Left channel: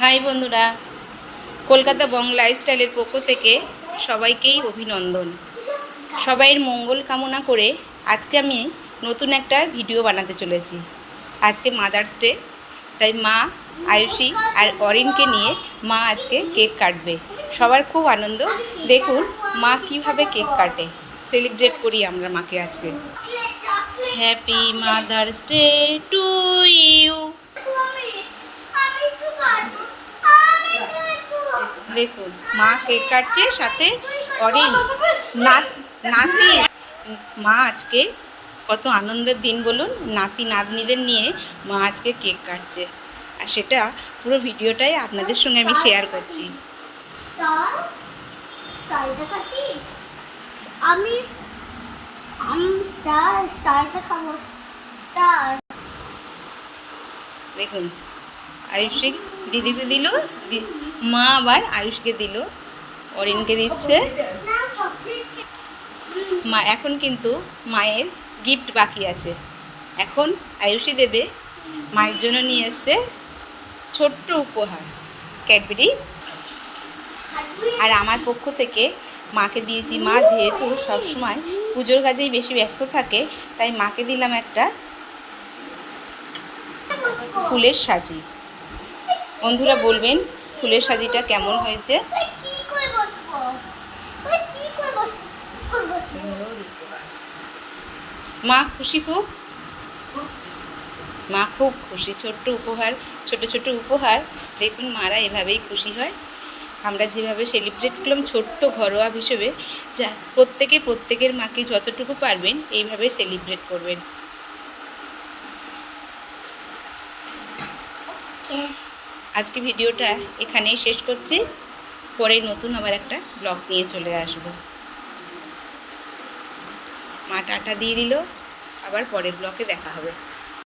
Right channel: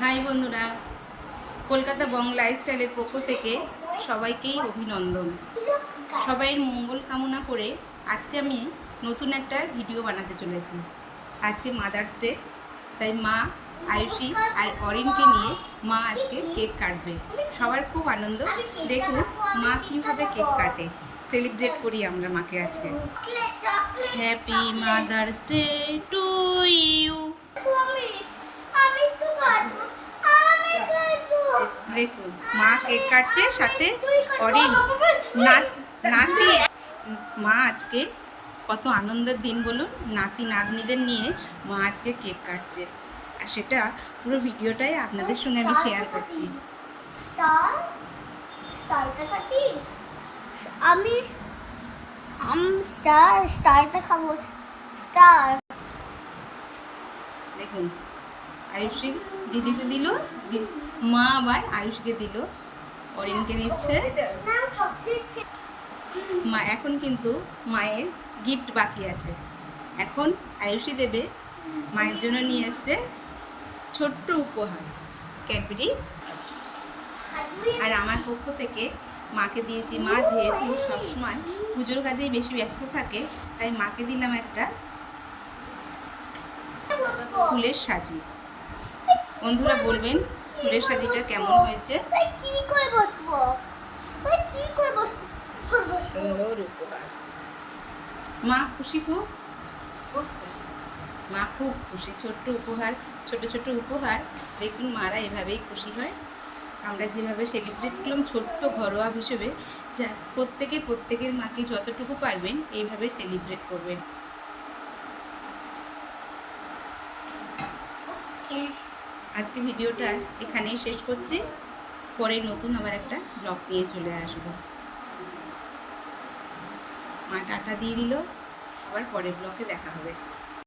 High বন্ধুরা, কলকাতা বং লাইফস্টাইলের পক্ষ থেকে সবাইকেই অভিনন্দন। সবাইয়ের মঙ্গল কামনা করে আজকে আমি নতুন একটা ভিডিও বানাতে চলেছি। আজকে মাদার্স ডে, তাই মা আয়ুষী আর অরিনকে নিয়ে মা আজকে কেক কাটবে। সবার খুব আনন্দ। দেখুন মা কিভাবে কেক কাটে। সেলিব্রেট করি আমরা মাকে আজকে। Happy mother's day to you. দেখুন মা কেক কাটছে, সাথে অরিন নাতি। মা আজকে কত আনন্দের দিন বলুন, নাতি নাতনিদের নিয়ে মা আজকে কেক কাটছে, আর সেটা পুরো ভিডিওটাই আপনাদের সঙ্গে আমি শেয়ার করছি। দেখুন আয়ুষী দিদিকে দিল, মা আবার আয়ুষকে দিল, অরিনকে দিচ্ছে। মা এখন কিন্তু মায়ের গিফট বাকি আছে। এখন আয়ুষী দেবে। মায়ের জন্য নিয়ে এসছে ছোট্ট উপহার, ক্যাডবেরি। আর আমার পক্ষ থেকে মাকে দিয়েছি। মা যেহেতু সবসময় পুজোর কাজেই বেশি ব্যস্ত থাকে, তাই মাকে দিলাম একটা ফুলের সাজি। বন্ধুরা বলবেন ফুলের সাজিটা কেমন হয়েছে। মা খুশি খুব, মা খুব খুশি। ছোট্ট উপহার, ছোট ছোট উপহার। দেখুন মারা এভাবেই খুশি হয়। আমরা যেভাবে সেলিব্রেট করলাম ছোট্ট ঘরোয়া হিসেবে, যা প্রত্যেকের মাকে যতটুকু পারবেন এইভাবে সেলিব্রেট করবেন। আজকে ভিডিওটা এখানেই শেষ করছি। পরে নতুন আবার একটা ব্লগ নিয়ে চলে আসব। মা টাটা দিয়ে দিল, আবার পরের ব্লগে দেখা হবে।